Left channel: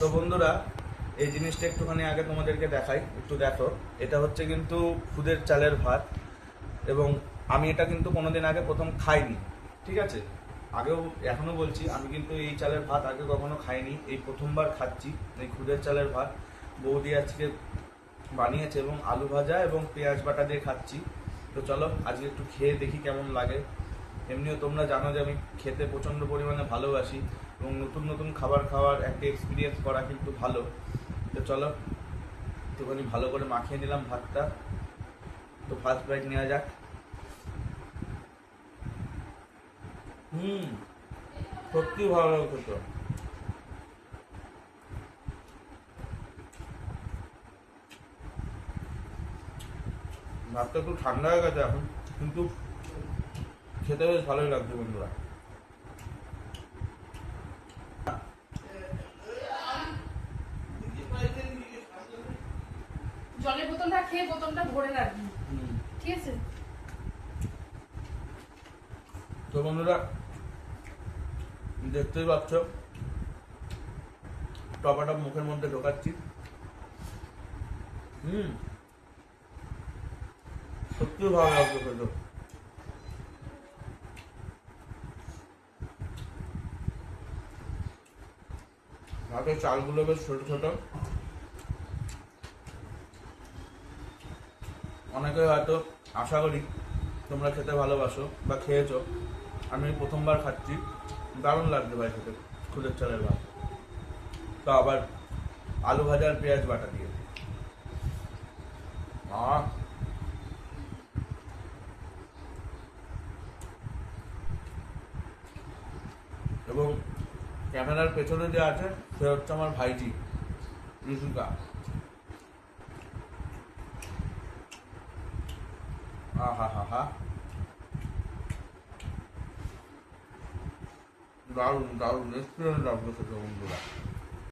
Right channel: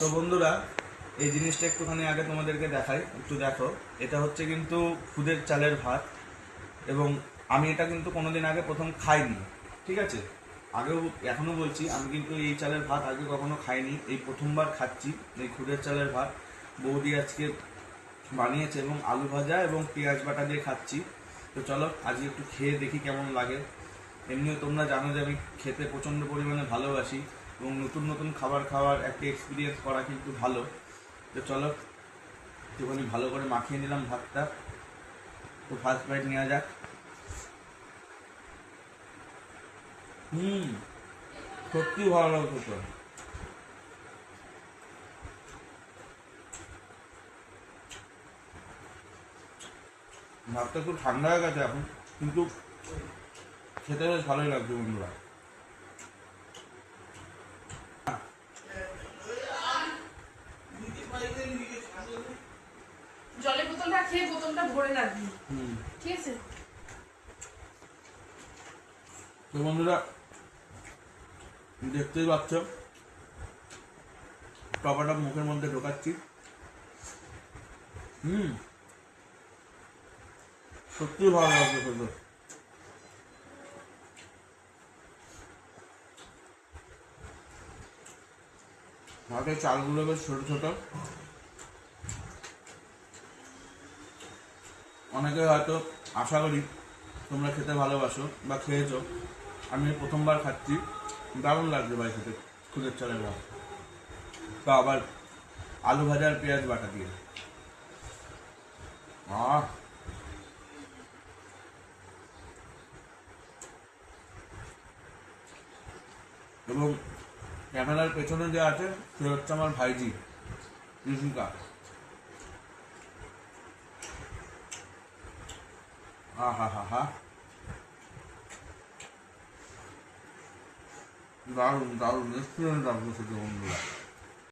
তো বন্ধুরা, এই জিনিসটা একটুখানি আগে তোমাদেরকে দেখাই, একটু দেখো। এটা হচ্ছে কিন্তু খুদের চালের ভাত, এবং আমি এটা কিন্তু কোনোদিন আগে প্রথম খাইনি, ঠিক আছে? আগেও এখনো বলছি, আমি কিন্তু এই চালের ভাত আগে কখনো খাইনি, এই প্রথমবার খাচ্ছি এই খুদের চালের ভাত। বৌদি আজকে বানিয়েছে এবং আলু ভাজা এবং পেঁয়াজ বাটা দিয়ে খাচ্ছি। তো চলো আজকে একটু খেয়ে দেখি কেমন লাগে। এমনিও তোমরা জানো যে আমি খেতে প্রচণ্ড পরিমাণে ভালোবাসি, এবং নতুন নতুন খাবার খাওয়ার একটা এক্সপিরিয়েন্স করা কিন্তু ভালো। তো চলো একটুখানি ভালো করে মাখিয়ে নিলাম ভাতটা। তো ফার্স্ট বাইট নেওয়া যাক। হুম, সত্যি ভালো লাগছে। ভাতটা একটু ঠান্ডা হয়ে গেছে এখন, কিন্তু খেতে বেশ ভালোই লাগছে বন্ধুরা। জলের বোতলটা খেয়ে বোতলটা ভরে রাখবি, ঠিক আছে? তো বন্ধুরা, দেখতেই পাচ্ছ টপাটা মুখের মধ্যে ঢোকাচ্ছি। সত্যি ভালো লাগছে খেতে। ভাতের চালগুলো বেশ ছোট ছোট। অনেকে হয়তো, আশা করি তোমরা খেতে ভালোবাসো বা খেয়েছো। আমি প্রথমবার খাচ্ছি, দারুণ লাগছে ভাই খেতে খুদের চালের ভাত। তো আবার আলু ভাজা আর পেঁয়াজ বাটা দিয়ে। আহ, এবং ক্যামেরার পেছনে যে আছে সে হচ্ছে আমার ভাইজি ঋষিকা। হা হা হা, দারুণ দারুণ রেস্টুরেন্ট লাগছে খেতে বন্ধুরা।